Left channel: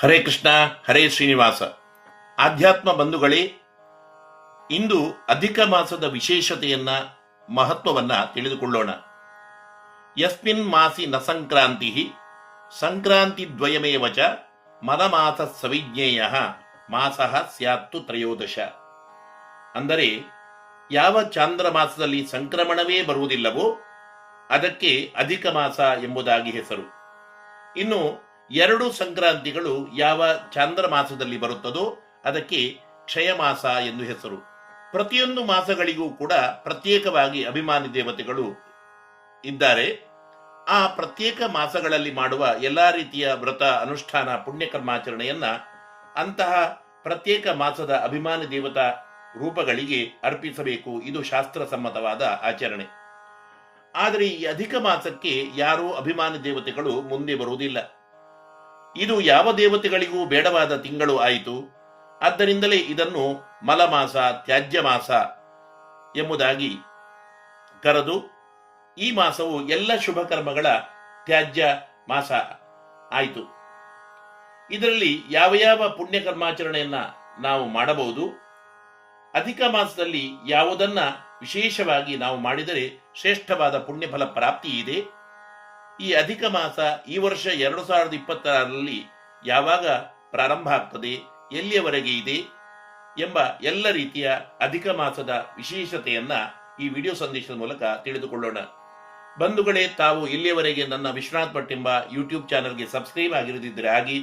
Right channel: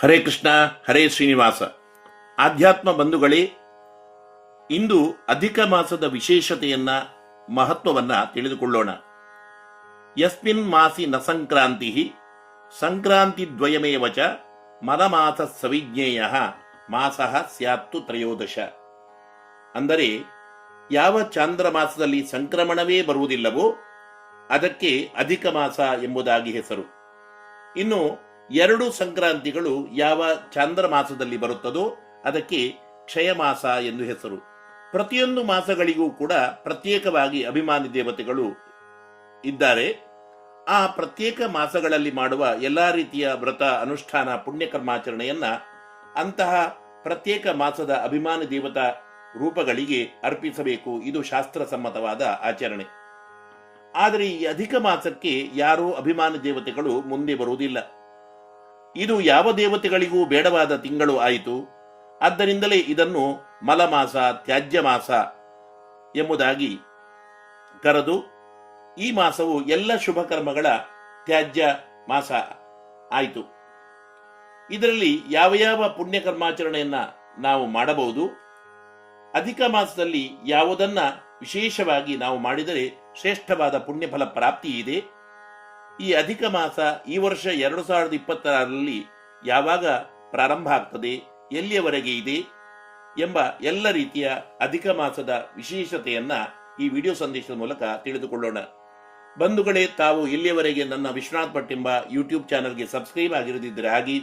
ಹರೇ ಕೃಷ್ಣ, ಹರೇ ಶ್ರೀನಿವಾಸ. ಆಧ್ಯಾತ್ಮ ಬಂಧುಗಳೇ, ಇಂದು ಅಧಿಕ ಮಾಸದ ವಿಶೇಷತೆಯನ್ನ, ಮಹತ್ವವನ್ನ ತಿಳಿದುಕೊಳ್ಳೋಣ. ಯಸ್ಮಿನ್ ಮಾಸಿ ನ ಸಂಕ್ರಾಂತಿ ಸಂಕ್ರಾಂತಿ ದ್ವಯಮೇವ ಚ ಮಲಮಾಸ ಸವಿಜ್ಞೇಯ ಮಾಸಃ ಸ್ಯಾತ್ತು ತ್ರಯೋದಶ. ಅಂದರೆ ಯಾವ ಚಾಂದ್ರ ಮಾಸದಲ್ಲಿ ಸಂಕ್ರಮಣವೇ ಬರುವುದಿಲ್ಲವೋ ಅದಕ್ಕೆ ಅಧಿಕ ಮಾಸ ಎಂಬುದಾಗಿ ಹೆಸರು. ಇನ್ನು ಎರಡು ಸಂಕ್ರಾಂತಿಗಳು ಯಾವ ಚಾಂದ್ರ ಮಾಸದಲ್ಲಿ ಬರುತ್ತದೋ ಅದಕ್ಕೆ ಕ್ಷಯ ಮಾಸ ಎಂದು ಹೆಸರು. ಪ್ರತಿಯೊಂದು ಮಾಸಗಳಿಗೂ ಕೂಡ ಪ್ರತ್ಯೇಕವಾಗಿ ಅಭಿಮಾನಿ ದೇವತೆಗಳು ಇದ್ದಾರೆ. ಆ ಪ್ರತ್ಯೇಕ ಮಾಸಗಳಲ್ಲಿ ಮಾಡುವ ಎಲ್ಲಾ ರೀತಿಯ ವ್ರತ, ಅನುಷ್ಠಾನ, ಪುಣ್ಯಕರ್ಮಾಚರಣೆಯನ್ನ ಅಂತಹ ಪ್ರತ್ಯೇಕ ಮಾಸದ ಅಭಿಮಾನಿ ದೇವತಾ ರೂಪಗಳಿಗೆ ಅರ್ಪಿಸಬೇಕು. ಇದು ಶಾಸ್ತ್ರಸಮ್ಮತವಾದ ಆಚರಣೆ. ಆದರೆ ಈ ಅಧಿಕ ಮಾಸಕ್ಕೆ ಯಾರೂ ಅಭಿಮಾನಿ ದೇವತೆಗಳು ಮುಂದೆ ಬರುವುದಿಲ್ಲ. ಇದು ಯಾವ ದೇವತೆಗಳಿಗೂ ಬೇಡವಾದ ತಿಂಗಳು ಆಯಿತು. ಆದ್ದರಿಂದಲೇ ಇದನ್ನು ಮಲಮಾಸ, ತ್ಯಾಜ್ಯ ಮಾಸ ಎಂಬುದಾಗಿ ಕರೆದು ಈ ಮಾಸವು ಎಲ್ಲ ಶುಭ ಕರ್ಮಗಳ ತ್ಯಾಜ್ಯ ಮಾಸ ಆಯಿತು. ಇದರಲ್ಲಿ ಯಾವ ಯಾವ ಪುಣ್ಯಕರ್ಮಾಚರಣೆಯನ್ನ ನಾವು ಮಾಡಬಹುದು. ಅಧಿಕ ಮಾಸದಲ್ಲಿ ಯಾವುದನ್ನ ವಿಶೇಷವಾಗಿ ನಾವು ಮಾಡಿದರೆ ಶ್ರೇಷ್ಠವಾದ ಪುಣ್ಯಫಲ ಪ್ರಾಪ್ತಿ ಇದೆ. ಈ ಅಧಿಕ ಮಾಸ ಈ ವರ್ಷ 2026ರಲ್ಲಿ ಯಾವಾಗ ಪ್ರಾರಂಭ ಆಗ್ತದೆ, ಎಲ್ಲಿಯವರೆಗೆ ಇದೆ ಎಂಬ ಎಲ್ಲ ರೀತಿಯ ಅಧಿಕ ಮಾಸದ ವಿಶೇಷತೆಯನ್ನ ಈ ವಿಡಿಯೋ ಸಂದೇಶದ ಮೂಲಕ ತಿಳಿದುಕೊಳ್ಳೋಣ. ಬಂಧುಗಳೇ, ತಾವು ಇಲ್ಲಿಯವರೆಗೆ ನನ್ನ ವಿಶ್ವನಾಥ್ ಭಟ್ ಎಂಬ ಯೂಟ್ಯೂಬ್ ಚಾನೆಲ್ಗೆ ಸಬ್ಸ್ಕ್ರೈಬ್ ಆಗಿರದಿದ್ದರೆ ಆಗಿ,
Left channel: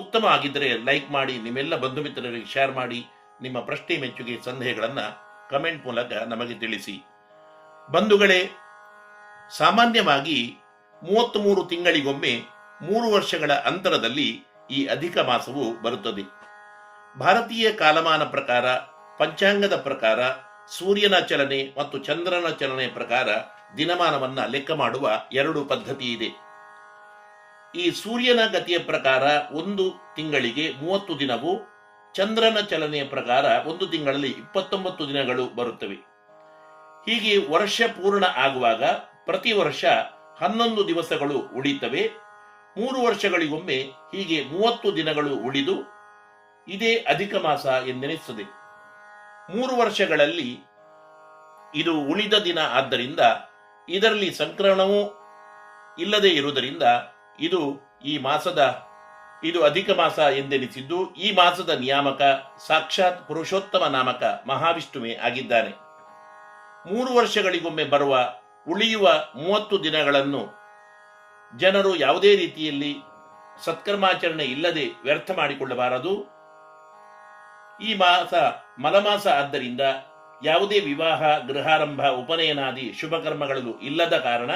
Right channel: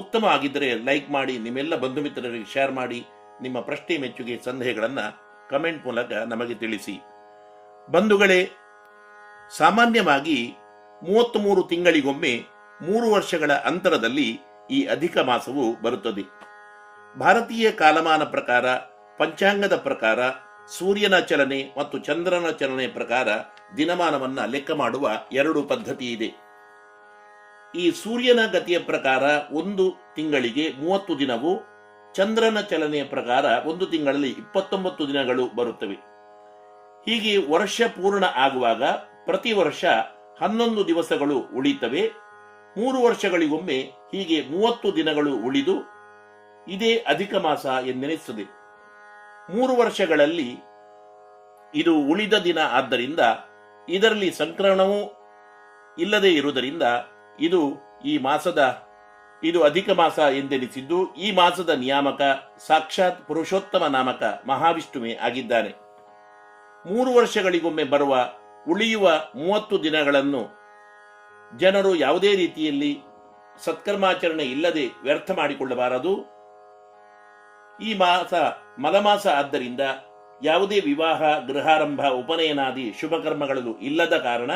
ಉತ್ತಮ ಆಗಿದ್ದರೆ ಲೈಕ್ ಮಾಡಿ, ನಿಮ್ಮೆಲ್ಲ ಬಂಧು ಮಿತ್ರರಿಗೆ ಶೇರ್ ಮಾಡಿ, ನಿಮ್ಮ ಪ್ರಶ್ನೆ, ಮೆಚ್ಚುಗೆ, ಸಂದೇಹಗಳನ್ನು ಕಮೆಂಟ್ ಮೂಲಕ ನಮಗೆ ತಿಳಿಸಿ. ಬಂಧುಗಳೇ, ಸಾಮಾನ್ಯವಾಗಿ 33 ತಿಂಗಳಿಗೊಮ್ಮೆ 3 ವರ್ಷಗಳ ಅಂತರದಲ್ಲಿ ಈ ಅಧಿಕ ಮಾಸವು ಬರುತ್ತದೆ. ಭಾರತೀಯ ಕಾಲಮಾನ ಪ್ರಕಾರ, ಪಂಚಾಂಗದ ಪ್ರಕಾರ, ಸೂರ್ಯನ ಚಲನೆ ಮತ್ತು ಚಂದ್ರನ ಚಲನೆ ಪ್ರಕಾರ ದಿನಮಾನವನ್ನ ಲೆಕ್ಕ ಮಾಡುವ 2 ಪದ್ಧತಿ ಇದೆ. ಈ ಸೂರ್ಯನ ಗತಿಯ ಪ್ರಕಾರ ಒಂದು ತಿಂಗಳಿಗೆ 30 ದಿನವು, ಚಂದ್ರನ ಚಲನೆಯ ಪ್ರಕಾರ ಒಂದು ತಿಂಗಳಲ್ಲಿ 29 ದಿನಗಳು ಬರುತ್ತವೆ. ಹೀಗೆ ವರ್ಷ ಪೂರ್ಣ ಆಗುವಾಗ ಪ್ರತಿ ವರ್ಷ 11 ದಿವಸಗಳು ಉಳಿತವೆ. 3 ವರ್ಷಗಳಿಗೊಮ್ಮೆ ಹೀಗೆ 30 ದಿನಗಳು ಉಳಿದು ಇದೇ ಅಧಿಕ ಮಾಸ ಎಂದೆನಿಸುತ್ತದೆ. 3 ವರ್ಷಗಳಲ್ಲಿ ಇದು ಉಳಿದ ದಿನ ಆದ್ದರಿಂದ ಇದರಲ್ಲಿ ಸಂಕ್ರಮಣವೂ ಇಲ್ಲದೆ ಇರುವುದರಿಂದ ಇದು ಅಧಿಕ ಮಾಸ ಎಂದೆನಿಸಿದ್ದು, ಈ ಮಾಸದ ನಿಯಾಮಕ ಸಾಕ್ಷಾತ್ ಪುರುಷೋತ್ತಮ ನಾಮಕ ಮಹಾವಿಷ್ಣುವೇ ಆಗಿದ್ದಾನೆ. 3 ವರ್ಷಗಳಿಗೊಮ್ಮೆ ಬರುವ ಉಳಿಯುವ 30 ದಿನಗಳನ್ನು ಜನರು ಯಾವುದೇ ರೀತಿಯಲ್ಲಿ ಸತ್ಕರ್ಮಾಚರಣೆ ಇಲ್ಲದೆ ವ್ಯರ್ಥ ಮಾಡಿಕೊಳ್ಳಬಾರದು. ಈ ಮಾಸ ಮಲಮಾಸ ಆದ್ದರಿಂದ ಯಾವುದೇ ವಿವಾಹ, ಗೃಹಾರಂಭ, ಉಪನಯನಾದಿ ಶುಭ ಕರ್ಮಗಳು ಇಲ್ಲದ ಕಾರಣ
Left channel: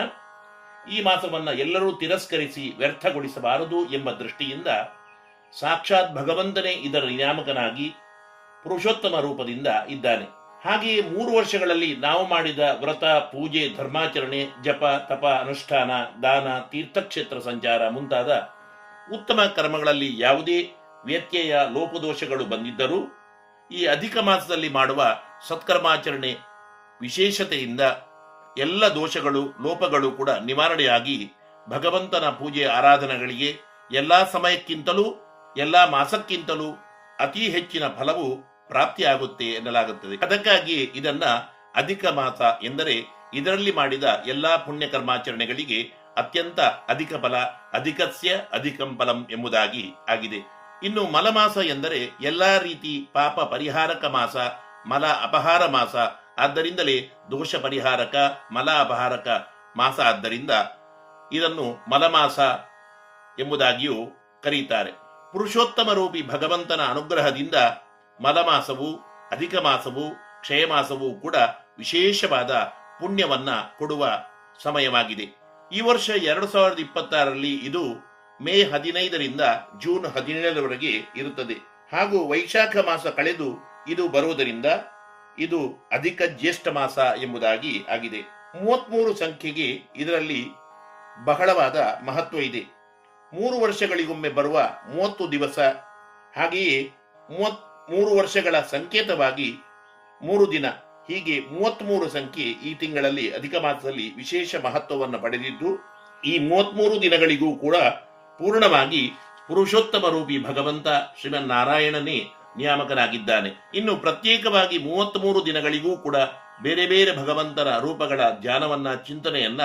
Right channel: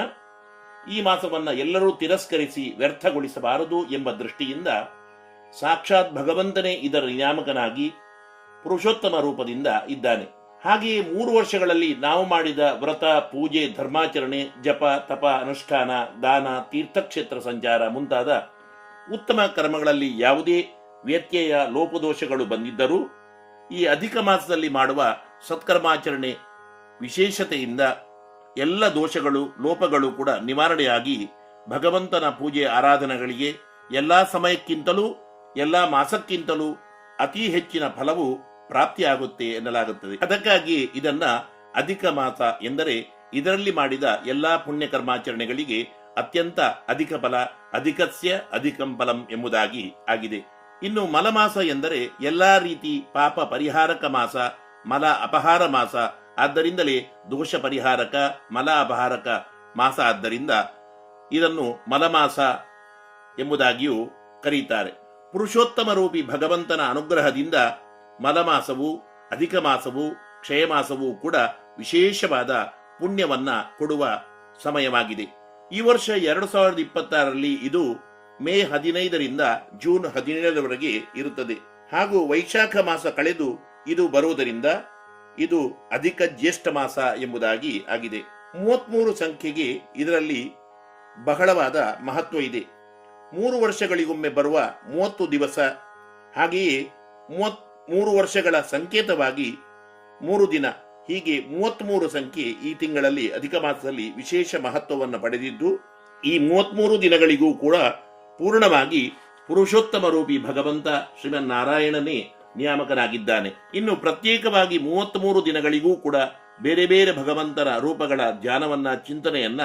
ಈ ಮಾಸವನ್ನ ಎಲ್ಲರೂ ತಿರಸ್ಕರಿಸಿ ವ್ಯರ್ಥಗೊಳಿಸಬಾರದು ಎಂಬ ದೃಷ್ಟಿಯಿಂದ ಸಾಕ್ಷಾತ್ ಭಗವಂತನೇ ಇದರ ನಿಯಾಮಕನಾಗಿ ಪುರುಷೋತ್ತಮ ರೂಪದಿಂದ ಇದ್ದಾನೆ. ಹಾಗೆಯೇ 3 ವರ್ಷಗಳಲ್ಲಿ ನಾವು ಮಾಡಿದ ವ್ರತ, ಪೂಜೆ, ಧರ್ಮಾಚರಣೆ, ಜಪ, ತಪ, ಅನುಷ್ಠಾನ, ದಾನ, ತೀರ್ಥಕ್ಷೇತ್ರ ಸಂಚಾರ ಮುಂತಾದ ಉತ್ತಮ ಕರ್ಮಗಳಲ್ಲಿ ಯಾವುದೇ ವ್ಯತ್ಯಯ, ಲೋಪದೋಷಗಳು ಬಂದಿದ್ದರೂ ಈ ಅಧಿಕ ಮಾಸದಲ್ಲಿ ಮಾಡುವ ಸತ್ಕರ್ಮಾಚರಣೆ ವಿಶೇಷತೆಯಿಂದ ಎಲ್ಲ ದೋಷಗಳು, ಲೋಪಗಳು ಕೂಡ ನಿವಾರಣೆಯಾಗಿ ಭಗವಂತನ ಪೂಜೆ, ಆರಾಧನೆಗಳಿಗೆ ಎಲ್ಲಾ ಸಮಯಕ್ಕಿಂತಲೂ, ಎಲ್ಲಾ ಮಾಸಕ್ಕಿಂತಲೂ ಅತಿ ಹೆಚ್ಚಿನ ಫಲವು ಪ್ರಾಪ್ತಿಯಾಗುತ್ತೆ ಎನ್ನಲಾಗುತ್ತದೆ. ಅದಕ್ಕಾಗಿ ಇದನ್ನ ಅಧಿಕ ಮಾಸ ಎಂದರೆ ಇದರಲ್ಲಿ ಮಾಡಿದ ಎಲ್ಲಾ ಪುಣ್ಯ ಕರ್ಮಾಚರಣೆಗಳಿಗೆ ಅತ್ಯಂತ ಅಧಿಕ ಫಲ, ಅಧಿಕಸ್ಯ ಅಧಿಕಂ ಫಲಂ ಎಂಬುದಾಗಿ ಆಗಿದೆ. ಇನ್ನು ಮಲಮಾಸ ಎಂದರೆ ಎಲ್ಲಾ ರೀತಿ ಪಾಪ ಪರಿಹಾರಕ ಮಾಸ, ಮಲ ಅಪಹಾರ ಮಾಸ. ಆದ್ದರಿಂದಲೇ ದೋಷ ಪರಿಹಾರಕ, ಮಲ ಅಪಹಾರಕ ಮಾಸ. ಆದ್ದರಿಂದ ಇದನ್ನು ಮಲಮಾಸ ಎಂಬುದಾಗಿಯೂ ಕರೆಯುತ್ತಾರೆ. ಪುರುಷೋತ್ತಮ ರೂಪಿ ಭಗವಂತನ ಅನುಗ್ರಹದಿಂದ ಮಲಮಾಸವು, ಅಧಿಕ ಮಾಸವು, ಕ್ಷಯಮಾಸವೂ ಕೂಡ ವಿಶೇಷವಾದ ಪುಣ್ಯವನ್ನ ಕೊಡುವ ಸಮಯವಾಗಿದೆ. ಈ ವರ್ಷ 2026ರಲ್ಲಿ ಇದು ಮೇ 15ರಿಂದ ಜೂನ್ 17ರವರೆಗೆ ಇರುತ್ತದೆ. ಹಾಗೂ ವೈಶಾಖ ಮಾಸ ಕಳೆದು ಇದು ಬರುವುದರಿಂದ ಇದು ಅಧಿಕ ಜ್ಯೇಷ್ಠ ಮಾಸ ಎಂಬುದಾಗಿ ಆಗಿದೆ. 33 ಸಂಖ್ಯೆಗೆ ಇದರಲ್ಲಿ ಬಹಳವಾದ ಮಹತ್ವ ಇದೆ. 3 ವರ್ಷಗಳಿಗೊಮ್ಮೆ ಬರುವ 30 ದಿವಸ, ಹಾಗೆಯೇ 3 ವರ್ಷಗಳ ಸಂಕೇತವಾಗಿ 3 ದಿನ, ಹೀಗೆ 33 ಸಂಖ್ಯೆ ಈ ತಿಂಗಳಲ್ಲಿ ಅಧಿಕ ಮಾಸದಲ್ಲಿ ವಿಶೇಷ ಮಹತ್ವವನ್ನು ಪಡೆದಿದ್ದು, ಈ 33 ದಿನಗಳಿಗೂ ಕೂಡ ಪೂರ್ಣವಾಗಿ ಪುರುಷೋತ್ತಮ ರೂಪಿ ಭಗವಂತ ಶ್ರೀಮನ್ನಾರಾಯಣನೇ ನಿಯಾಮಕನಾಗಿದ್ದಾನೆ. ಇನ್ನು ಪ್ರತ್ಯೇಕವಾಗಿ 33 ದಿನಗಳಿಗೂ ಕೂಡ ಬೇರೆ ಬೇರೆ ಭಗವಂತನ ರೂಪಗಳ ಧ್ಯಾನವನ್ನ, ಚಿಂತನೆಯನ್ನ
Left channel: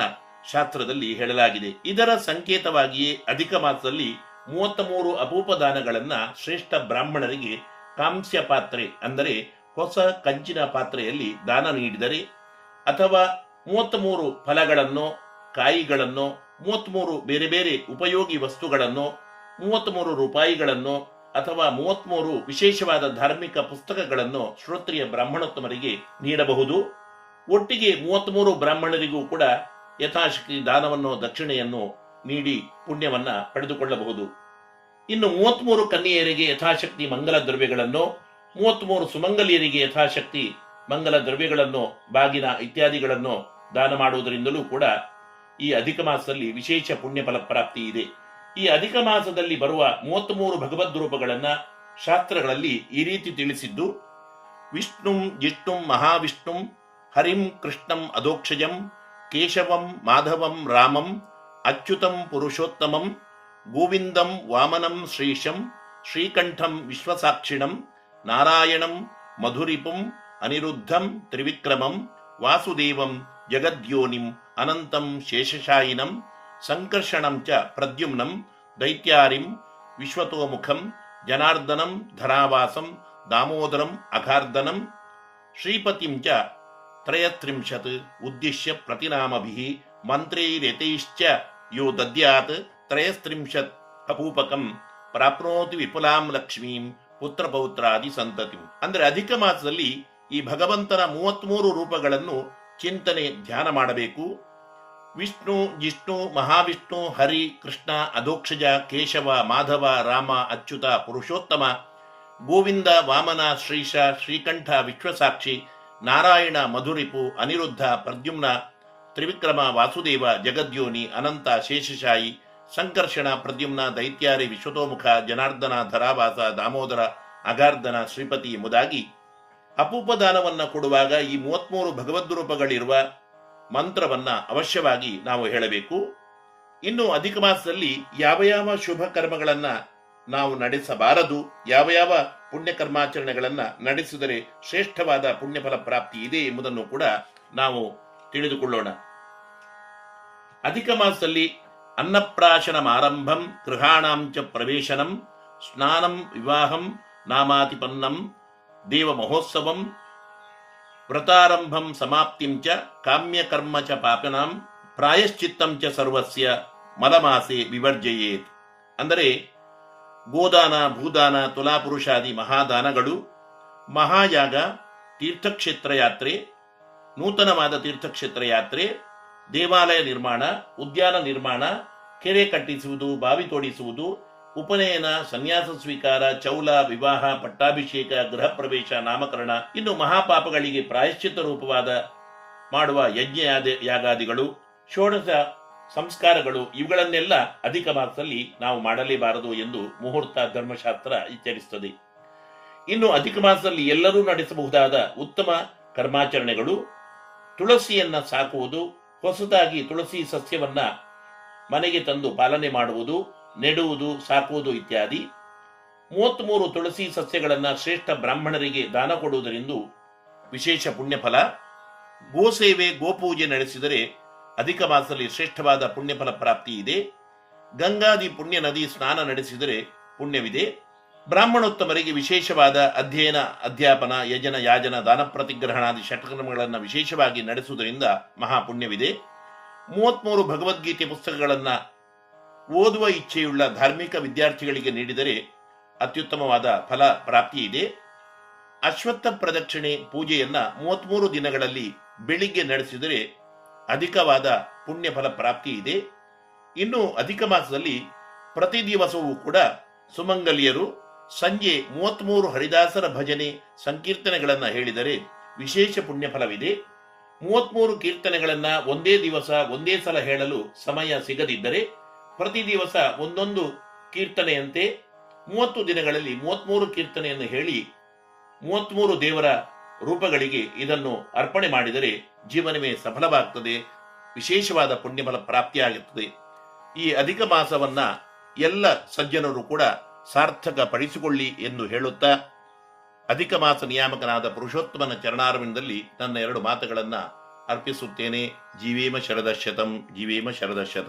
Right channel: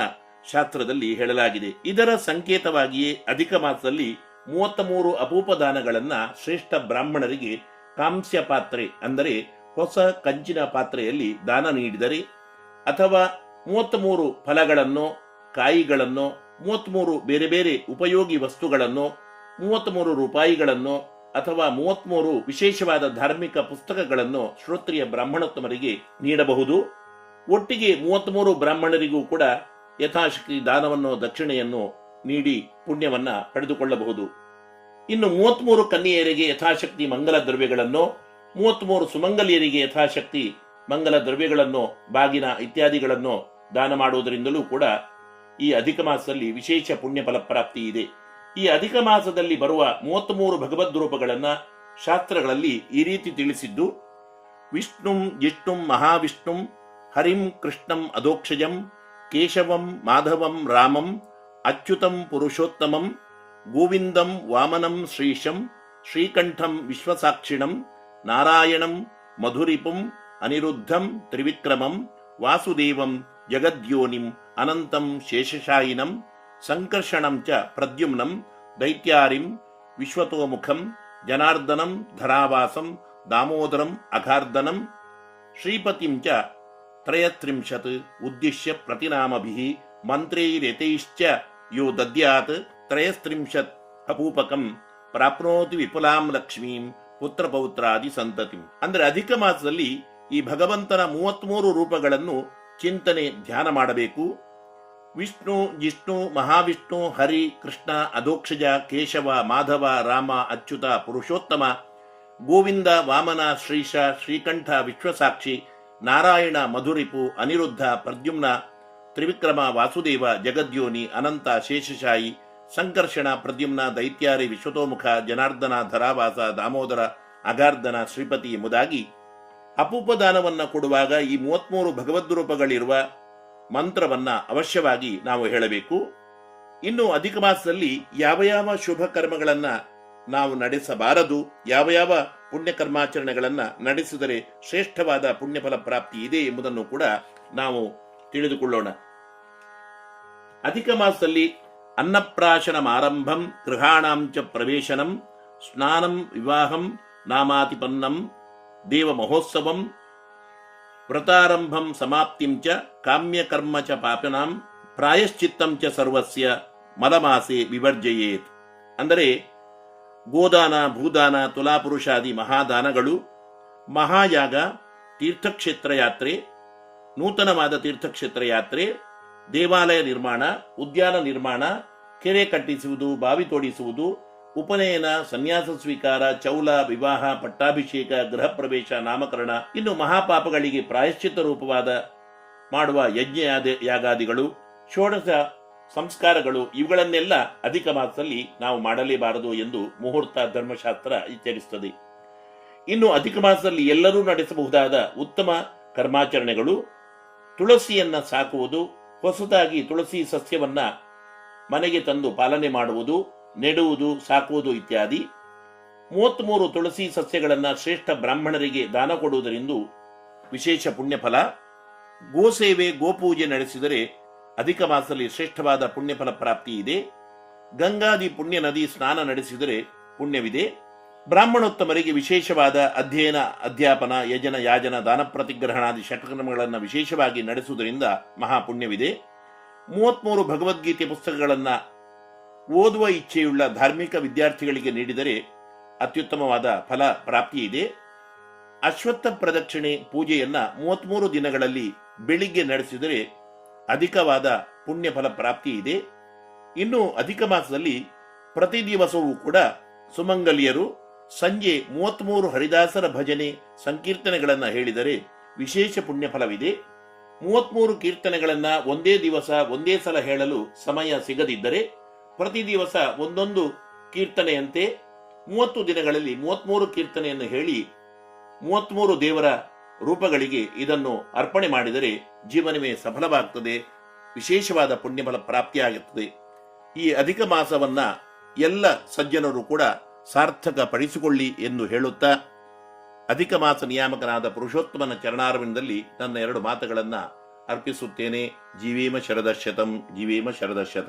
ಶಾಸ್ತ್ರದಲ್ಲಿ ಹೇಳಲಾಗಿದೆ. ಇದರ ಸಂಕೇತವಾಗಿಯೇ ಅಧಿಕ ಮಾಸದಲ್ಲಿ 33 ಅಪೂಪದಾನಗಳನ್ನ ಶ್ರೇಷ್ಠ ಬ್ರಾಹ್ಮಣರಿಗೆ ಕಾಂಸ್ಯ ಪಾತ್ರೆ ಅಂದರೆ ಹೊಸ ಕಂಚಿನ ಪಾತ್ರೆಯಲ್ಲಿ ದಾನ ನೀಡಿದರೆ, ಅಥವಾ 33 ಫಲಗಳನ್ನು, ಕಾಯಿಗಳನ್ನು, 33 ಬೇರೆ ಬೇರೆ ಉಪಯೋಗಿ ವಸ್ತುಗಳನ್ನು, 33 ರೂಪಾಯಿಗಳನ್ನು ಅಥವಾ 33 ವಿಶೇಷವಾದ ಧಾರ್ಮಿಕ ಪುಸ್ತಕಗಳನ್ನು ಶ್ರೋತ್ರಿಯ ಬ್ರಾಹ್ಮಣೋತ್ತಮರಿಗೆ ನೀಡಬಹುದು. ಒಟ್ಟಿಗೆ 33 ಬ್ರಾಹ್ಮಣರಿಗೂ ಕೂಡ ಯಥಾಶಕ್ತಿ ದಾನವನ್ನು, ದಕ್ಷಿಣೆಯನ್ನು ನೀಡಿ ಪುಣ್ಯವನ್ನ ಪಡೆದುಕೊಳ್ಳಬಹುದು. ಇನ್ನು 33 ಕನ್ಯೆಯರಿಗೆ ಯಥಾಶಕ್ತಿ ಮಂಗಲ ದ್ರವ್ಯಗಳನ್ನು, 33 ಸುಮಂಗಲಿಯರಿಗೆ ಯಥಾಶಕ್ತಿ ಮಂಗಲ ದ್ರವ್ಯಗಳನ್ನು, ಬಾಗಿನ ಇತ್ಯಾದಿಗಳನ್ನು ದಾನ ಮಾಡುವುದರಿಂದಲೂ ಕೂಡ ಈ ಅಧಿಕ ಮಾಸದಲ್ಲಿ ವಿಶೇಷ ಪುಣ್ಯ ಫಲ ಪ್ರಾಪ್ತಿ ಇದೆ. ಈ ಅಧಿಕ ಮಾಸದಲ್ಲಿ ಬರುವ 33 ಭಗವದ್ ರೂಪಗಳನ್ನ ಶಾಸ್ತ್ರಗಳಲ್ಲಿ ಈ ರೀತಿ ತಿಳಿಸಿದ್ದು: ವಿಷ್ಣುಂ ಜಿಷ್ಣುಂ ಮಹಾವಿಷ್ಣುಂ ಹರಿಂ ಕೃಷ್ಣಂ ಅಧೋಕ್ಷಜಂ ಕೇಶವಂ ಮಾಧವಂ ರಾಮಂ ಅಚ್ಯುತಂ ಪುರುಷೋತ್ತಮಂ ಗೋವಿಂದಂ ವಾಮನಂ ಶ್ರೀಶಂ ಶ್ರೀಕಂಠಂ ವಿಶ್ವಸಾಕ್ಷಿಣಂ ನಾರಾಯಣಂ ಮಧುರಿಪುಂ ಅನಿರುದ್ಧಂ ತ್ರಿವಿಕ್ರಮಂ ವಾಸುದೇವಂ ಜಗದ್ಯೋನಿಂ ಅನಂತಂ ಶೇಷಶಾಯಿನಂ ಸಂಕರ್ಷಣಂ ಚ ಪ್ರದ್ಯುಮ್ನಂ ದೈತ್ಯಾರಿಂ ವಿಶ್ವತೋಮುಖಂ ಜನಾರ್ದನಂ ಧರಾವಾಸಂ ದಾಮೋದರಂ ಅಘಾರ್ದನಂ ಶ್ರೀಪತಿಂ ಚ ತ್ರಯತ್ರಿಂಶತ್ ಉದ್ದಿಶ್ಯ ಪ್ರತಿನಾಮಭಿಃ ಮಂತ್ರೈರೇತೈಶ್ಚ ಯೋ ದದ್ಯಾತ್ ತ್ರಯಸ್ತ್ರಿಂಶತ್ ಅಪೂಪಕಂ ಪ್ರಾಪ್ನೋತಿ ವಿಪುಲಾಂ ಲಕ್ಷ್ಮೀಂ ಪುತ್ರಪೌತ್ರಾದಿ ಸಂತತಿಂ. ಅಂದ್ರೆ ಅಧಿಕ ಮಾಸದಲ್ಲಿ ಈ ಭಗವಂತನ 33 ರೂಪಗಳನ್ನು ಚಿಂತನೆ, ಧ್ಯಾನ ಮಾಡಬೇಕು. ವಿಷ್ಣು, ಜಿಷ್ಣು, ಮಹಾವಿಷ್ಣು, ಹರಿ, ಕೃಷ್ಣ, ಅಧೋಕ್ಷಜ, ಕೇಶವ, ಮಾಧವ, ರಾಮ, ಅಚ್ಯುತ, ಪುರುಷೋತ್ತಮ, ಗೋವಿಂದ, ವಾಮನ, ಶ್ರೀಶ, ಶ್ರೀಕಂಠ, ವಿಶ್ವಸಾಕ್ಷಿ, ನಾರಾಯಣ, ಮಧುರಿಪು, ಅನಿರುದ್ಧ, ಪ್ರದ್ಯುಮ್ನ, ತ್ರಿವಿಕ್ರಮ, ವಾಸುದೇವ, ಜಗದ್ಯೋನಿ, ಅನಂತ, ಶೇಷಶಾಯಿ, ಸಂಕರ್ಷಣ, ಪ್ರದ್ಯುಮ್ನ, ದೈತ್ಯಾರಿ, ವಿಶ್ವತೋಮುಖ, ಜನಾರ್ದನ, ಧರಾವಾಸ, ದಾಮೋದರ, ಅಗಾರ್ಧನ, ಶ್ರೀಪತಿ ಎಂಬುದಾಗಿ ಅಪೂಪದಾನವನ್ನ ಕೊಡುವಾಗ ಈ 33 ಭಗವದ್ ರೂಪಗಳಿರುವ ಮಂತ್ರವನ್ನ ಅವಶ್ಯವಾಗಿ ನಾವು ಹೇಳಬೇಕು. ಇನ್ನು ಅಧಿಕ ಮಾಸದಲ್ಲಿ ಯಾವ ಯಾವ ಶುಭ ಕರ್ಮಗಳನ್ನ ನಾವು ನಡೆಸಬಾರದು, ಯಾವ ಯಾವ ಪುಣ್ಯ ಕರ್ಮಾಚರಣೆಗಳನ್ನ ನಡೆಸಿದರೆ ಶ್ರೇಷ್ಠವಾದ ಪುಣ್ಯಫಲ ಪ್ರಾಪ್ತಿ ಇದೆ ಎಂಬುದನ್ನು ಕೂಡ ನಾವು ತಿಳಿದುಕೊಳ್ಳೋಣ. ಅಧಿಕ ಮಾಸದಲ್ಲಿ ಅನ್ನಪ್ರಾಶನಂ ಆರಂಭಂ ಗೃಹಾಣಾಂ ಚ ಪ್ರವೇಶನಂ ಸ್ನಾನಂ ವಿವಾಹಂ ನಾಮಾತಿಪನ್ನಂ ದೇವ ಮಹೋತ್ಸವಂ ವ್ರತಾರಂಭಂ ಸಮಾಪ್ತಿಂ ಚ ಕಾಮ್ಯಕರ್ಮ ಚ ಪಾಪನಾಂ ಪ್ರಾಯಶ್ಚಿತ್ತಂ ಚ ಸರ್ವಸ್ಯ ಮಲಮಾಸೆ ವಿವರ್ಜಯೇತ್. ಅಂದರೆ ಗೋದಾನ, ಭೂದಾನ, ತುಲಾಪುರುಷಾದಿ ಮಹಾದಾನಗಳು, ಮಹಾಯಾಗ, ತೀರ್ಥಕ್ಷೇತ್ರ ಯಾತ್ರೆ, ನೂತನವಾದ ತೀರ್ಥಕ್ಷೇತ್ರ ಯಾತ್ರೆ, ದೇವಾಲಯ ನಿರ್ಮಾಣ, ಉದ್ಯಾನ ನಿರ್ಮಾಣ, ಕೆರೆ ಕಟ್ಟಿಸುವುದು, ಬಾವಿ ತೋಡಿಸುವುದು, ಉಪನಯನ, ಸನ್ಯಾಸ ಸ್ವೀಕಾರ, ಚೌಲ, ವಿವಾಹ, ಪಟ್ಟಾಭಿಷೇಕ, ಗೃಹ ಪ್ರವೇಶ, ನಾಮಕರಣ, ಇನ್ನು ಮಹಾಪಾಪಗಳಿಗೆ ಪ್ರಾಯಶ್ಚಿತ್ತ ರೂಪವಾದ ಮಾಡುವ ಯಜ್ಞ ಯಾಗಾದಿಗಳು, ಷೋಡಶ ಸಂಸ್ಕಾರಗಳು, ಇವುಗಳನ್ನೆಲ್ಲ ಅಧಿಕ ಮಾಸದಲ್ಲಿ ನಾವು ಮಾಡಲೇಬಾರದು ಎಂದು ಮುಹೂರ್ತ ಧರ್ಮಶಾಸ್ತ್ರ ಎಚ್ಚರಿಸುತ್ತದೆ. ಇನ್ನು ಅಧಿಕ ಮಾಸದಲ್ಲಿ ಎಲ್ಲರೂ ನಡೆಸಬಹುದಾದ ಉತ್ತಮ ಕರ್ಮಾಚರಣೆಗಳು: ತುಳಸಿಯನ್ನ ಸಾಕುವುದು, ಹೊಸದಾಗಿ ತುಳಸಿ ಸಸ್ಯವನ್ನ ಮನೆಗೆ ತಂದು ಪಾಲನೆ ಮಾಡುವುದು, ನೆಡುವುದು, ಸಾಕುವುದು ಇತ್ಯಾದಿ. 33 ತುಳಸಿ ಸಸ್ಯಗಳನ್ನ ಶ್ರೇಷ್ಠ ಬ್ರಾಹ್ಮಣರಿಗೆ ದಾನ ಕೊಡುವುದರಿಂದ ವಿಶೇಷ ಪುಣ್ಯಫಲ. ಗೋಸೇವೆ, ಗೋಪೂಜೆ ನಡೆಸಿದರೆ ಅಧಿಕ ಮಾಸದಲ್ಲಿ ಶ್ರೇಷ್ಠವಾದ ಪುಣ್ಯಫಲ ಪ್ರಾಪ್ತಿ ಇದೆ. ಗಂಗಾದಿ ಪುಣ್ಯ ನದಿ ಸ್ನಾನ ನಡೆಸಿದರೆ ಪುಣ್ಯವಿದೆ. ಬ್ರಾಹ್ಮಣೋತ್ತಮರಿಗೆ ವಿಶೇಷವಾದ ಅಧ್ಯಯನ, ಅಧ್ಯಾಪನ, ಯಜನ, ಯಾಜನ, ದಾನ ಪ್ರತಿಗ್ರಹಣಾದಿ ಷಟ್ಕರ್ಮಗಳನ್ನು ವಿಶೇಷವಾಗಿ ನಡೆಸುವುದರಿಂದ ಮಹಾಪುಣ್ಯವಿದೆ. 33 ಭಗವದ್ಗೀತೆ ಪುಸ್ತಕಗಳನ್ನು ಓದುವ ಇಚ್ಛೆಯುಳ್ಳ ಧಾರ್ಮಿಕ ವಿದ್ಯಾರ್ಥಿಗಳಿಗೆ ನೀಡಿದರೆ ಅತ್ಯುತ್ತಮವಾದ ಫಲ ಪ್ರಾಪ್ತಿ ಇದೆ. ಅಶ್ವತ್ಥ ಪ್ರದಕ್ಷಿಣೆ ಪೂಜೆಯನ್ನ 33 ದಿನಗಳಲ್ಲಿ ಬೆಳಿಗ್ಗೆ ನಡೆಸಿದರೆ ಅಧಿಕವಾದ ಪುಣ್ಯ ಫಲ ಪ್ರಾಪ್ತಿ ಇದೆ. ಇನ್ನು ಅಧಿಕ ಮಾಸದಲ್ಲಿ ಪ್ರತಿ ದಿವಸವೂ ಕೂಡ ಸುಮಂಗಲಿಯರು ಸಂಜೆ 33 ಹರಿದಾಸರ ಭಜನೆ ಸಂಕೀರ್ತನೆಗಳನ್ನು ಹೇಳಿದರೆ ವಿಶೇಷ ಪುಣ್ಯ ಫಲವಿದೆ. 33 ಕೀರ್ತನೆಗಳನ್ನ ಒಂದೇ ದಿವಸ ಒಂದೇ ಸಲ ಹೇಳಲು ಸಮಯ ಸಿಗದಿದ್ದರೆ ಪ್ರತಿ ದಿವಸ ಒಂದೊಂದು ಕೀರ್ತನೆಯಂತೆ 30 ದಿನಗಳಲ್ಲಿ 33 ಕೀರ್ತನೆಯನ್ನು ಹೇಳಿ 33 ದೇವರ ರೂಪಗಳಿಗೆ ಇದನ್ನು ಅರ್ಪಣೆ ಮಾಡಿದರೆ ಜೀವನವೇ ಸಫಲವಾಗುತ್ತದೆ, ವಿಶೇಷವಾದ ಪುಣ್ಯಫಲ ಪ್ರಾಪ್ತಿಯಾಗುತ್ತದೆ. ಈ ಅಧಿಕ ಮಾಸವನ್ನ ಎಲ್ಲ ಸಜ್ಜನರು ಕೂಡ ಸಾರ್ಥಕ ಪಡಿಸಿಕೊಳ್ಳಿ ಎಂದು ಹೇಳುತ್ತಾ ಅಧಿಕ ಮಾಸ ನಿಯಾಮಕನಾದ ಪುರುಷೋತ್ತಮನ ಚರಣಾರವಿಂದದಲ್ಲಿ ನನ್ನ 2 ಮಾತುಗಳನ್ನ ಅರ್ಪಿಸುತ್ತೇನೆ. ಜೀವೇಮ ಶರದಶತಂ, ಜೀವೇಮ ಶರದಶತಂ.